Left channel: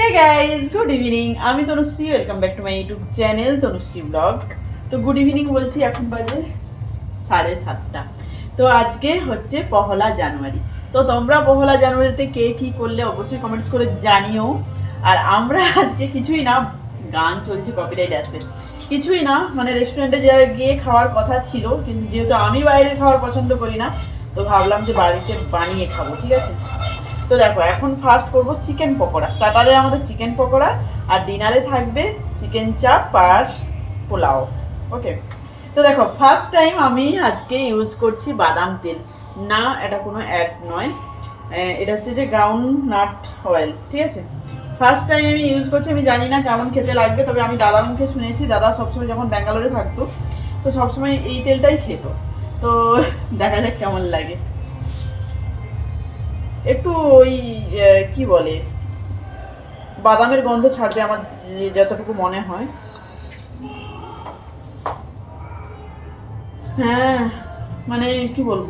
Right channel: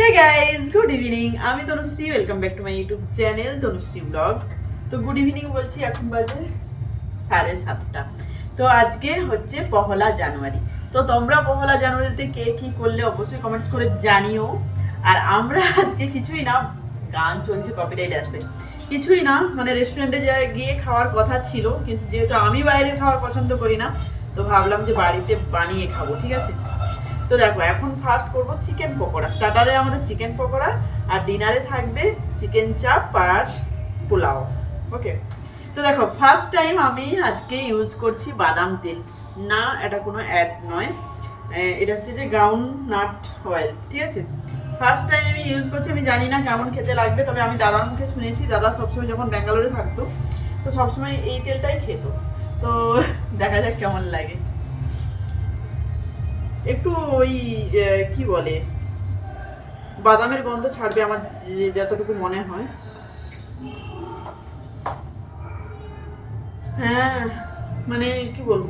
Hey guys good evening আমি Tanushree welcome back to my YouTube channel Tanushree vlog তো good evening বলছি, এখন বাজে সাড়ে সাতটা। তো আজকে হচ্ছে পহলা জানুয়ারি। তো তোমরা পহলা জানুয়ারিতে কে কি করলে অবশ্যই কমেন্টস করে জানিও। আর আমরা আজকে কিছুই না, গান চলছে কপিরাইট আসবে। কিছুই না মানে রেস্টুরেন্টে গিয়ে খাওয়ার কথা ছিল, কিন্তু যেহেতু আমি বাইরের খাওয়ার পছন্দ করি না, তো ভাবলাম যে বাড়িতে বানিয়ে খাব, ঠিক আছে? তো দেখো, এখন ফার্স্ট করব চিকেন পকোড়া। স্টার্টারে আমাদের চিকেন পকোড়া, আর ডিনারে থাকবে চিকেন চাপ আর পোলাও। ওকে তো দেখো ফার্স্ট টাইম আমি আজকে ইউজ করছি বাদাম তেল। না, এটা কোনো অ্যাড নয়। এটা হচ্ছে যে গ্রাউন্ড নাট অয়েল ঠিক আছে? ফার্স্ট টাইম আমি ইউজ করছি, আমি জানি না কেমন খেতে লাগবে, তবে আমি দাদার মুখে শুনেছি, দাদা সবসময় যখন ব্যাঙ্গালোরে থাকতো, তো সবসময় এই তেলটাই খেত। তো দেখা যাক কেমন লাগে। একটু ওই কি বলে? বাদামের গন্ধ ছাড়বে আমার যতটুকু মনে হয়। হ্যাঁ মানে কি বলব?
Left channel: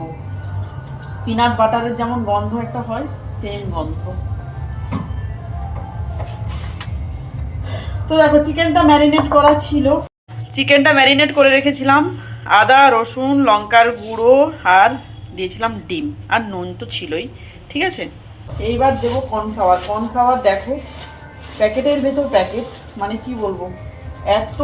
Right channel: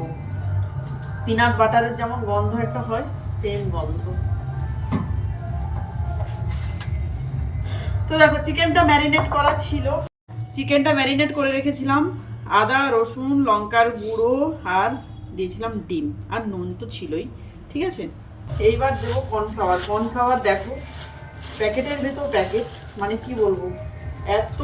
পিনাট বাটারের যেমন গন্ধ একটা হয় সেম গন্ধ। তো দেখো চিকেনটা ম্যারিনেট করা ছিল। চিকেনটা ম্যারিনেট করে রেখেছিলাম। আদা, রসুন, লঙ্কার গুঁড়ো আর দিয়েছিলাম ডিম। আর নুন তো ছিলই। ঠিক আছে? এইবার দেবো কর্নফ্লাওয়ার কর্নফ্লাওয়ার দেখো, প্যাকেটের ভেতর প্যাকেট মানে কি বলব? এত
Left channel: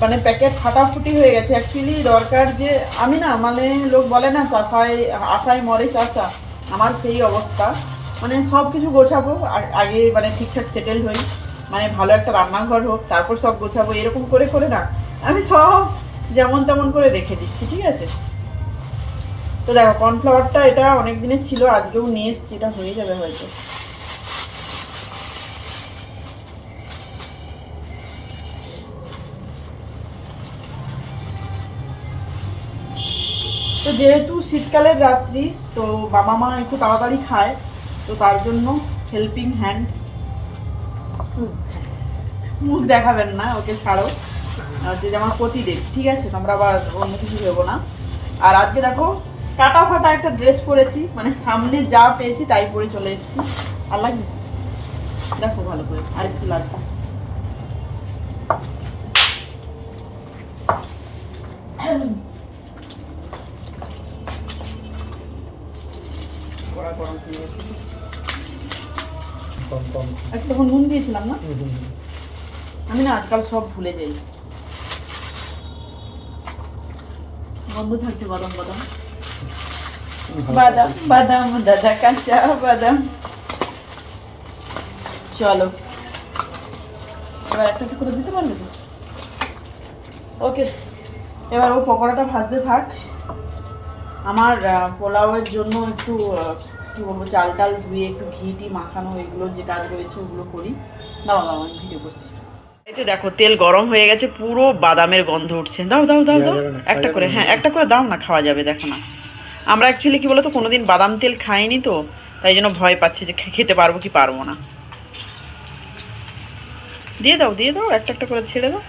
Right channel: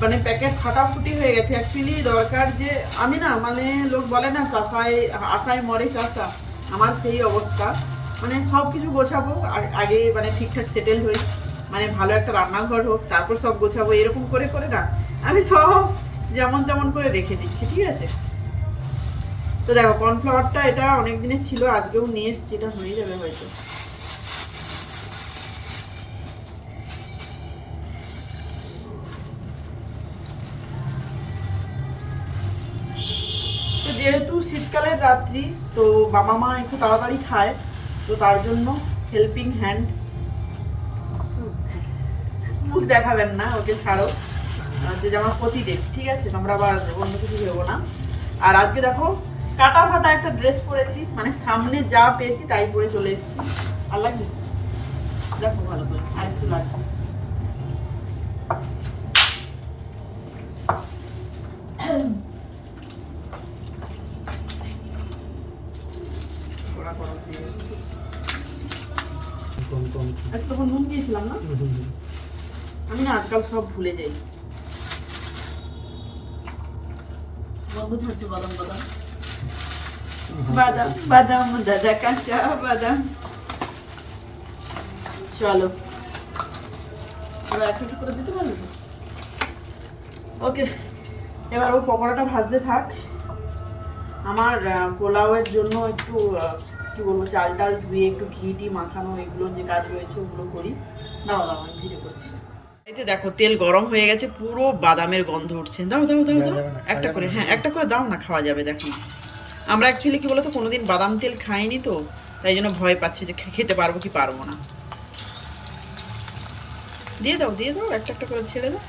মানে প্যাকেট ফাটাফুটি হয়ে গেছে। অ্যাকচুয়ালি দরকার যে, আমি না মানে লোক বলে না, চাষায়, আশায় মরে চাষা। আমার সেই অবস্থা। মানে সব কিছু গোছাবো আগে মানে ঠিকঠাক সেটেল হই। মানে ভালো একটা রান্নাঘর হোক, তারপর সব গোছাবো, এরকম করে করে না। আমি সব যেমন তেমন করে রেখে দিচ্ছি, ঠিক আছে? তো দেখো কর্নফ্লাওয়ারটা এটা অনেক দিনের ছিল, আজকেও নিয়ে এসছি, এটা হয়ে যাবে হয়তো। তো যেহেতু শীতকালের রাত্রি, তো বাবা মা একটু তাড়াতাড়ি খায়, তো তার জন্য হেল্পিং হ্যান্ড মুখ দেখাবেন না, ওকে ছাড়ো। যে আমার প্রতিদেব, ঠিক আছে? তোমরা আবার অন্য কিছু ভেবো না। আর আজকে দেখো কাটা ফাটা একটা ড্রেস পরেছি মানে সামনে যা পেয়েছি তাই পরে চলে এসেছি। আর লাগবে? দেখো ভালো করে আর একটু লাগবে। তখন নুন দিয়েছিলাম না? আমি না আজকাল সব ভুলে যাই। গন্ধ ছাড়ছে বাদাম বাদাম বাদাম বাদাম দাদা কাঁচা বাদাম। চলো। এবার একটা একটু করে দিতে পারবে ওকে এবার ও পকোড়াটা ভাজতে থাক। আমার পোলাওয়ের জন্য একটু কি বলব চাল টাল ধুয়ে একটু ঘি টি মাখানো এগুলো যে কাজ রয়েছে ওগুলো করি। দাও দাও আমি ভিডিও করছি। এই তো দেখো তেল গরম হয়ে গেছে পুরো বাদামের গন্ধ উঠছে। দাও দাও দাও দাও। যাবে না, একটা করে হ্যাঁ একটা করে দাও না খাওয়া যাবে দেখো না। আমরা অ্যাকচুয়ালি কি বলতো কোনো দিন বাদাম তেল খাইনি তো, তাই জন্য ভয় পাচ্ছি যে খেতে পারব কি পারব না। দিয়ে দাও দিয়ে দাও, একটা একটা করে ছেড়ে দাও।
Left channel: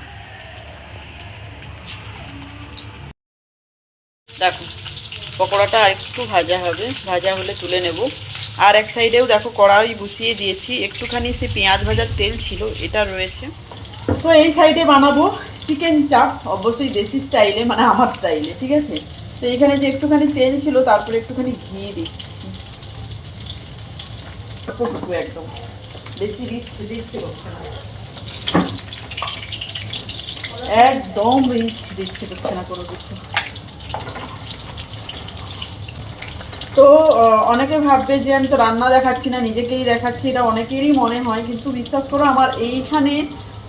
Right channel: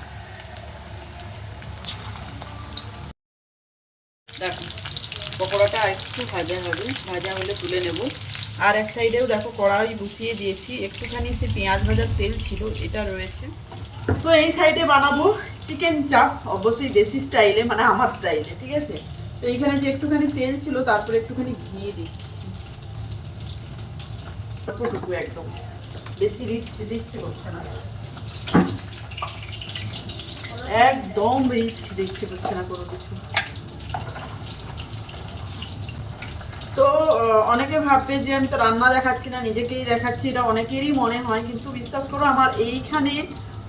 দেখো, পকোড়াটা একটু ভাজা হবে, ভাজা হলে তুলে নেব। আর এক সাইডেও দেখো কড়াই বসিয়ে দিয়েছি, একটুখানি সে পেঁয়াজ ভাজার তেল ছিল, এটা রয়েছে। তো এই সাইডে বানাবো চিকেন চাপ, অবশ্যই দেশি স্টাইলে মানে আমার স্টাইলে, ঠিক আছে? তো এখানে যে একটুখানি তেল ছিল, তারপরে একটুখানি ঘি দিচ্ছি। একদম। বেশি রিচ দিচ্ছে করছে না। একদম রিচ দিচ্ছে করছে না কোনো কিছু। তো অনেকে ভাববে যে আমি তো রান্না দেখাচ্ছি না, নিজেকেই দেখাচ্ছি, এটা অনেকেরই মনে হয়, কিন্তু বিশ্বাস করো, আমার এইখানে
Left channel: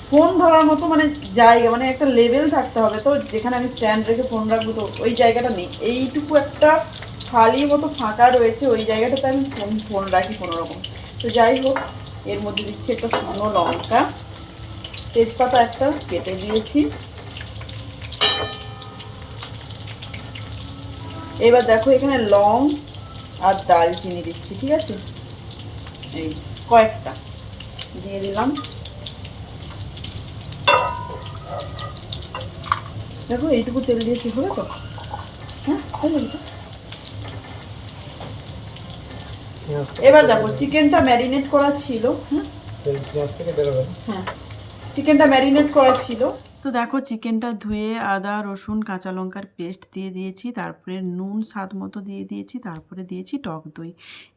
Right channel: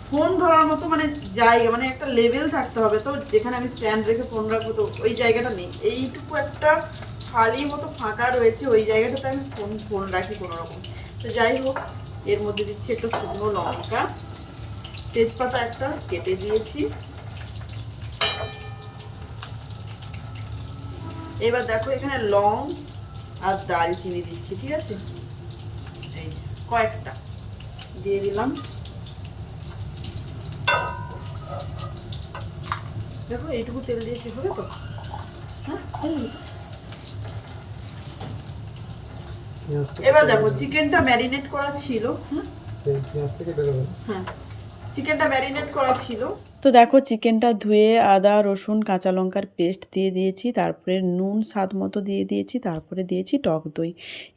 ফোন ধরার মতো মানে জায়গা মানে একটা লেভেল থাকতে হবে তো, যেখানে আমি স্ট্যান্ড রেখে ফোন রাখব তো, ওই জায়গাটা নেই। এইটুকু একটা খালি মতো ফাঁকা রয়েছে, ওই জায়গাটাতে আমি ফোন ফোন রাখি কোনো রকম তো যাই হোক, এর মধ্যে দিচ্ছি একটা শুকনো লঙ্কা। তেজপাতা একটা কেটে দিয়েছি। এবার দেখো এখানে লং আর দালচিনি দিচ্ছি, ঠিক আছে? এই কয়েকটা দিয়ে দিলাম। দেখো এইটুকু তেল ঠিক হবে তো? হ্যাঁ এবার দেখো চিকেনটা ম্যারিনেট করা ছিল বেরোবে। হ্যাঁ। চিকেনটা ম্যারিনেট করা ছিল। তো দেখো চিকেনটা ধুয়ে আদা রসুন কাঁচা লঙ্কার পেস্ট দিয়ে দিয়েছি তারপরে নুন স্বাদ মতো দিয়ে দিয়েছি তারপরে দিয়েছি টক দই।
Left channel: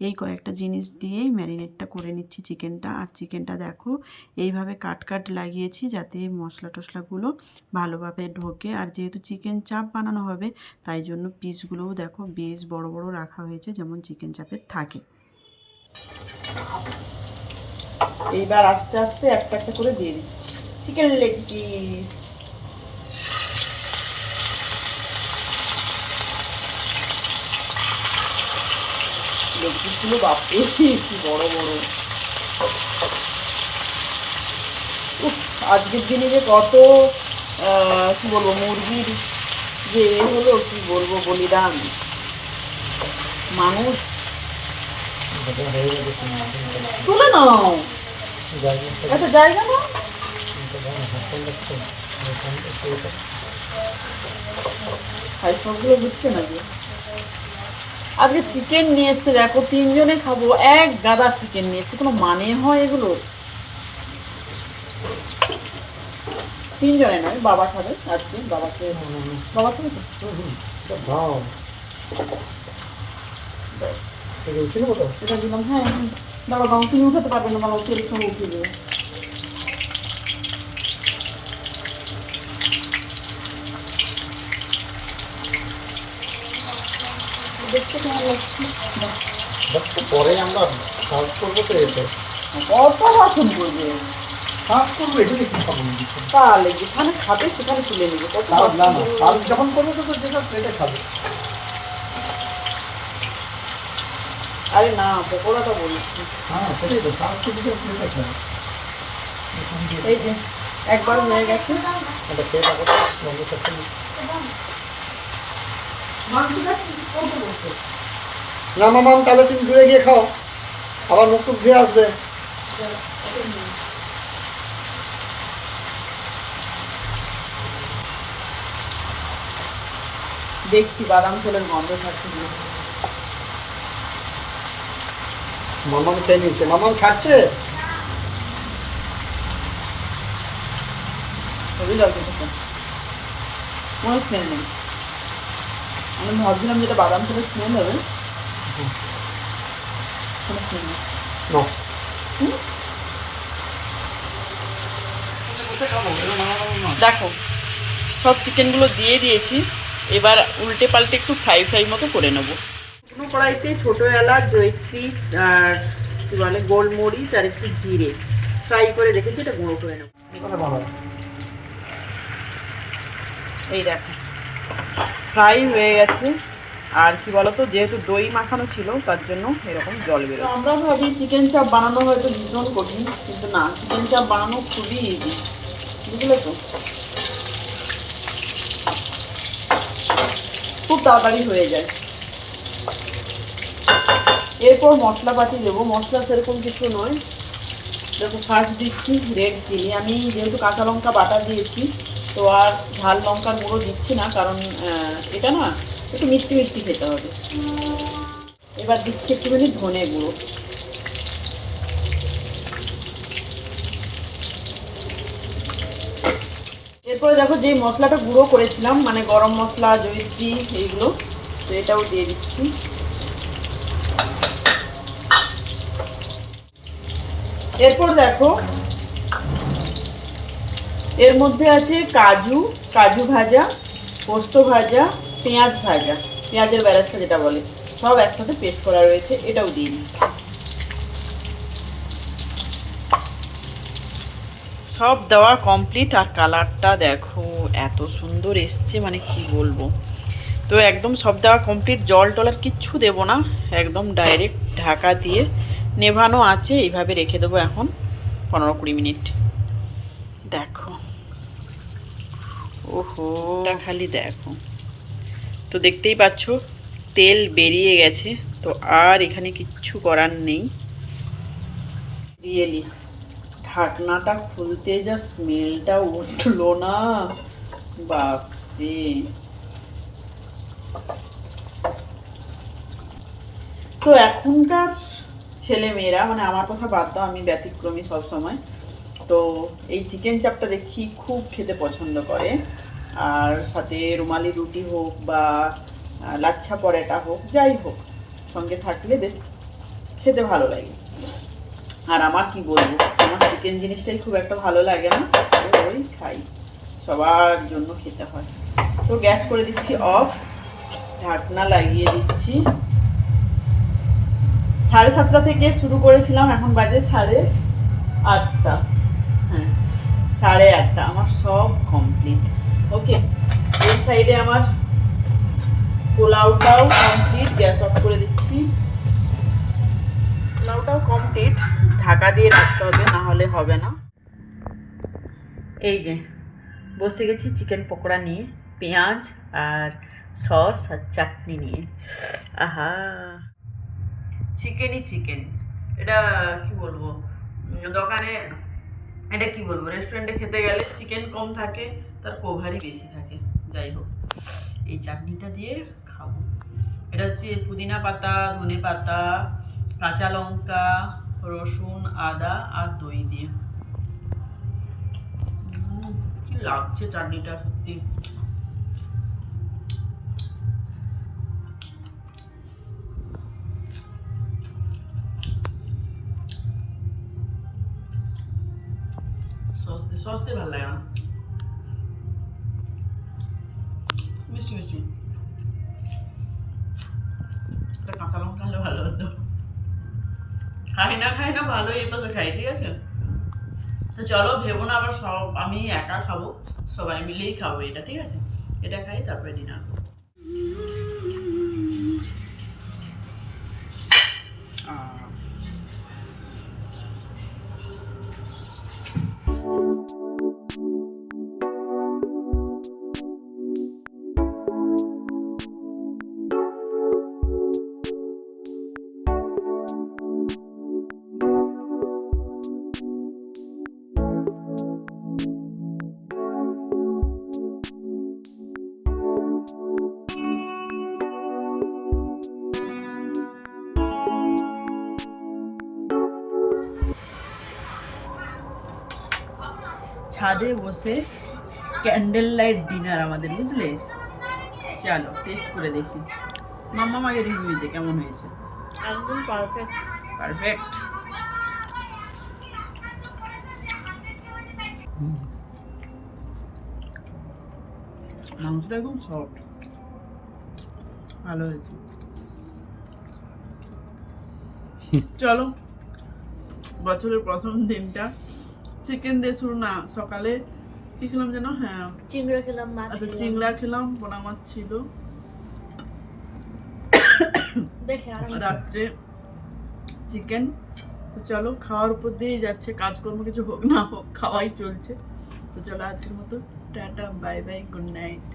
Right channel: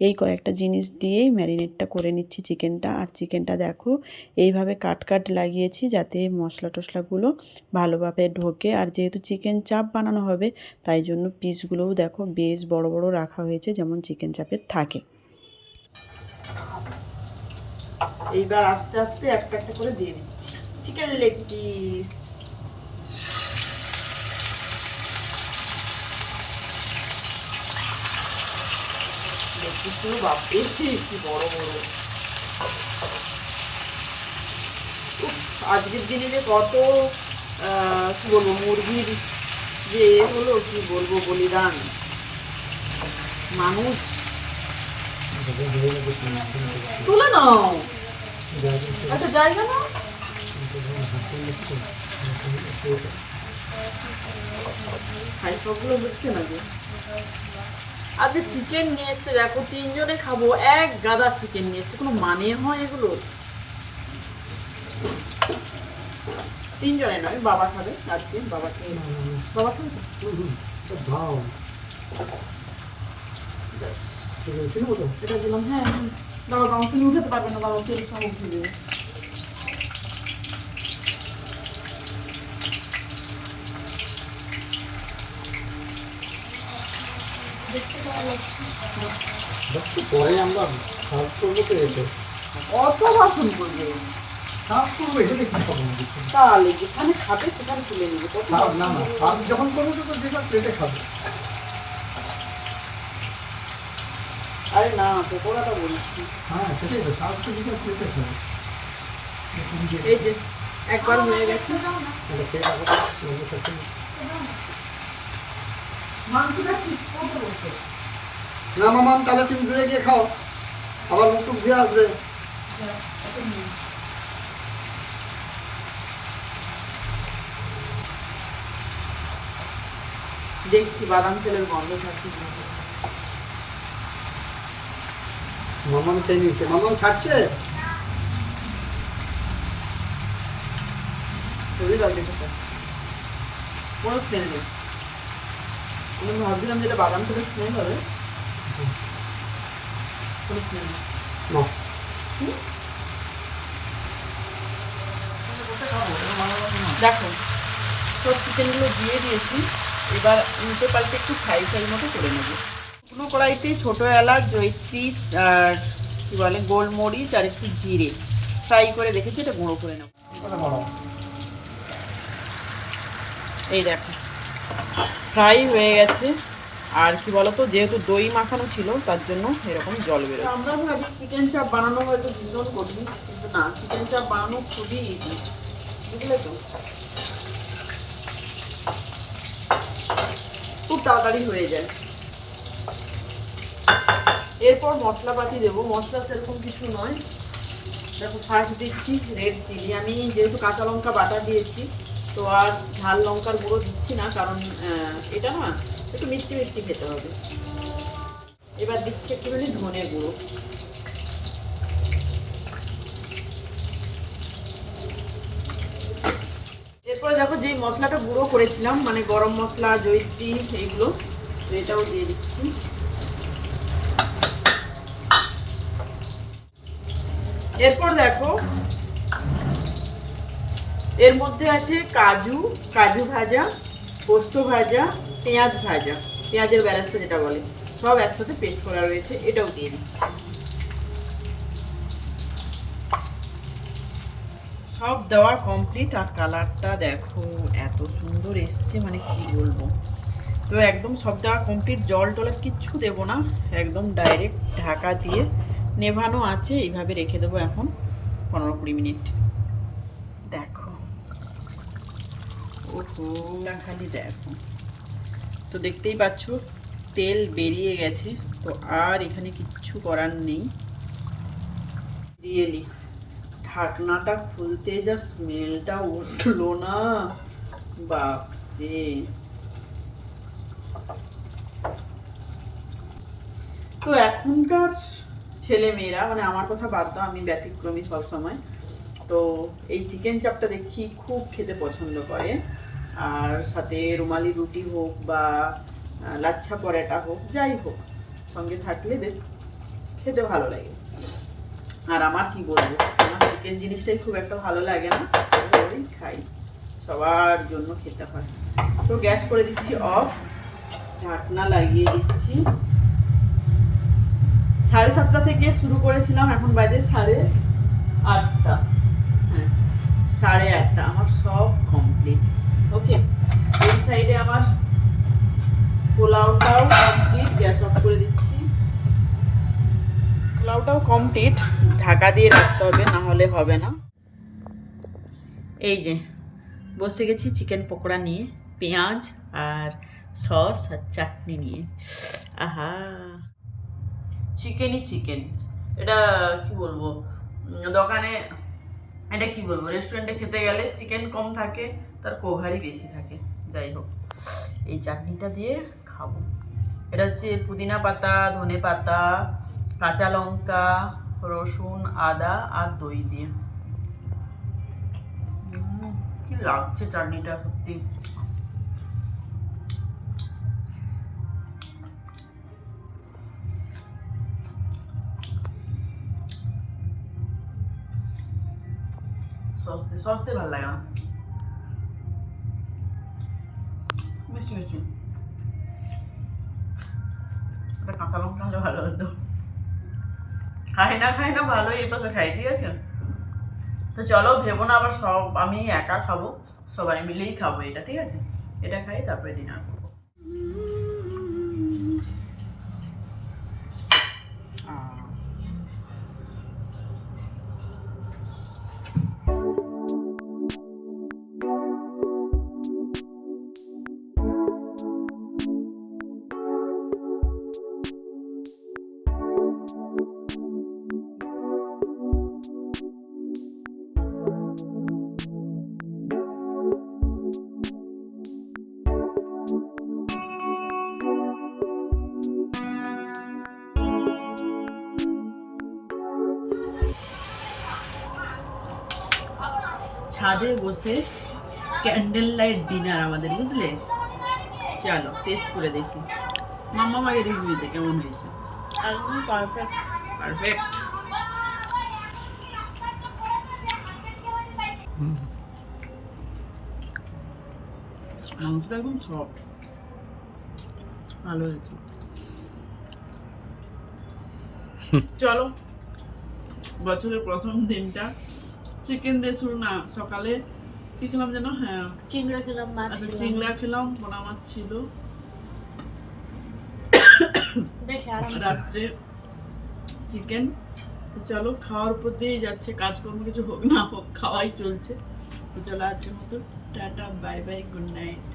এই কয়েকটা জিনিস দিয়েই ম্যারিনেটটা করে নিচ্ছি চিকেনটা। আর চিকেনটা দেখো এইভাবে কাট কাট লাগিয়েছি যাতে মশলা টশলাগুলো ভালোভাবে ঢোকে। আর যেহেতু চিকেন চাপ বানানো হবে তাই জন্য পিসগুলোও দেখো বেশ বড় বড় রাখা হয়েছে যেমন চিকেন চাপের থাকে। এইবার আস্তে আস্তে একটা একটা করে দিয়ে দিচ্ছি। চিকেন লেগ পিস লেগ পিসগুলো বাপরে কি বড় বড়। উফ, আজকের দিনে যে কত আহ, কি বলব মুরগির যে এ হলো কি বলব বলিদান। মানুষ তুলে নাও। একটা জায়গা না সবগুলো না আজকে চিকেন নিয়ে এসছে দেখো তিনজনে খাব এক গাদা চিকেন নিয়ে এসছে কোনো মানে হয় এগুলো? তিনজনে নয় বাবা খাবে আজকে বাবাকে বাবা খাবে? দাও। এটা দিলাম হ্যাঁ হ্যাঁ। দাঁড়াও দাঁড়াও তুমি উঠাতে পারবে না দাঁড়াও তেল সহ উঠিয়ে দেবে দেখতে কেমন লাগছে বাহ। বাট তো পরে আমরা সার্ভ করব তো এতে। কত বাসন করবে। সার্ভ করব এটা দেখি খাব তাহলে যেখানে খাবে সেখানে তুলে নেবে। না না সার্ভ যখন করব তো যেসব প্লেটে খাবে। আরে না পকোড়াটা বলছি। হ্যাঁ সেটাই তো সার্ভ যেসব প্লেটে খাবে। এই যে একবার হয়ে গেছে। এটা খেয়ে না। মামাম তাহলে তুমি দূরে গিয়ে খাও। আবার মুখ ধুয়ে আসবে। দেখছি বাদাম তেলের গন্ধ থাকছে মামাম খেয়ে নিচ্ছে। মামাম খেতে। কোনো স্মেল নেই। আমি ভাবছিলাম যেটা বাদাম তেলের স্মেল হবে। দেখো সব চিকেনগুলো দিয়ে দিয়েছি। এবার উল্টে পাল্টে একটু ফ্রাই ফ্রাই মতো করে নেব। কোনো কড়াইতে ছোটো এলাচ জৈত্রী আর কী বলে গোলমরিচ আর একটু জিরে। ফ্রাই করে রেখেছি এটা গুঁড়ো করে নেব। এই দেখো। ফ্রাই হয়ে গেছে। আর কি বলতো, যেহেতু দই মাখানো ছিল, তার জন্য এরকম জল বেরোচ্ছে। আমরা ভাবি চিকেন চাপ বানানো হয়তো ভীষণ কঠিন, কিন্তু না চিকেন চাপ বানানো খুবই ইজি বুঝলে তো? খুব তাড়াতাড়ি হয়ে যায়। এরপর মশলাপাতি দেবো। মশলা সেরকম কিছু নয়। দেখো ফার্স্ট দিচ্ছি রেড চিলি আমি যেহেতু কাঁচা লঙ্কা বাটা দিয়েছি তো আর ঝাল লঙ্কার গুঁড়ো দিচ্ছি না, কারণ এটা না একটু মিষ্টি মিষ্টি খেতে হবে। এবার দিচ্ছি একটুখানি ধনে গুঁড়ো। এরপরে দেখো যেই মশলাটা গুঁড়ো করেছিলাম মানে গরম মশলা, জয়িত্রী, এইগুলো, তো এটাও দিয়ে দিচ্ছি। এরপর দেখো এর মধ্যে আছে কাজু কাজু ভাজা, পোস্ত ভাজা, পেঁয়াজ ভাজা। পেঁয়াজের ব্যারাস্তা যেটা বলে, সব একসাথে পেস্ট করা রয়েছে, এটাও দিয়ে সব দেওয়া কমপ্লিট, আর কালারটা দেখো, এত সুন্দর এসছে মানে কি বলব। তো একদম সব দেওয়া কমপ্লিট, জল টল আর কিচ্ছু দেবো না, একদম ডাইরেক্ট ঢাকা দিয়ে নেভানো আছে, এইভাবে রেখে দেবো এখন, পনেরো কুড়ি মিনিট দেখো ওহো। খালি দেখো। তো দেখতেই পাচ্ছ, তেল বেরিয়ে গেছে। তো আর এখানে কিচ্ছু করার নেই। রিয়েলি, ঢাকনাটা খুলতে যা স্মেলটা উঠল না। বাপরে। তো এখনকার ছেলে মেয়েরা মানে আমার কথা বাদ দাও, আমি ব্যতিক্রমী সব সময় তো এই চিকেন চাপটা দেখি খুব খেতে পছন্দ করে। আর সাথে রুমালি রুটি হোক বা লাচ্ছা পরোটা হোক, যাই হোক, সঙ্গে থাকলে বেশ খেতে ভালো লাগে। আর আমার কি বলব, আমার চিকেন জিনিসটাই খুব একটা ভালো লাগে না ওই খাই। সবার জন্য খেতে হয়। তো গ্যাস করে দিচ্ছি অফ, ঢাকনা লাগিয়ে দিচ্ছি। সাড়ে সাতটা থেকে শুরু করেছিলাম, এখন বাজে সাড়ে আটটা। সাড়ে আটটা, আমার সব কমপ্লিট ওকে এই সাইডে আমার পোলাওটাও কমপ্লিট গ্যাস অফ করে দিচ্ছি। পোলাওটাও কমপ্লিট ঢাকা দিয়ে রাখতে হবে, না হলে হবে না। এই যে, বসে গেছি চিকেন পকোড়া নিয়ে, পেঁয়াজ আর সস আর চাটনি নিয়ে। আহা! চিকেনই চিকেন। এটা কি বলব? দোকানে এটা কি বলব? রেস্টুরেন্টে খেতে গেলে চিকেন কম থাকে, তার কোভারই বেশি থাকে। যাই হোক, এই চাটনিটা দিয়ে খাব। এটা হচ্ছে পুদিনা পাতা, ধনে পাতা, কাঁচা লঙ্কা, রসুন, আদা আর দই দিয়ে। কি লাগছে চাটনিটা সত্যি। সস্তে ভালো লাগে না। মিষ্টি মিষ্টি। একটা কাঁচা লঙ্কা হলে ভালো হতো খাই না খাই না ভালো এই পাশে খাই, ঠিক আছে? তো চলো, ভেবো না, আবার সব আমি একা খাব, সবাই মিলেই খাব এটা, ঠিক আছে? এটা খাই, তারপরে ডিনার করব। ছাদে বসে ক্যান্ডেল লাইট ডিনার আমাদের বুঝলে? চলো টেস্ট করে দেখি। মাম্মা মাকে রিভিউ দে কেমন হয়েছে? একদম পারফেক্ট পারফেক্ট মাংসটা একদম সফট ভালো হয়েছে। চলো বছরের প্রথম দিনটা। চিকেন দিয়ে শুরু না সকালে কি খেলাম যেন? হ্যাঁ। চিংড়া খেলাম মাছ আচ্ছা চিংড়া খেলাম পোনা মাছ ছিল। দেখে রাত্রে চিকেন তো চলো খাওয়ার উপর দিয়েই যাচ্ছে কাজকর্ম কিছু হোক না হোক খাওয়াই চলছে। তো চলো আজকের মতো tata bye bye good night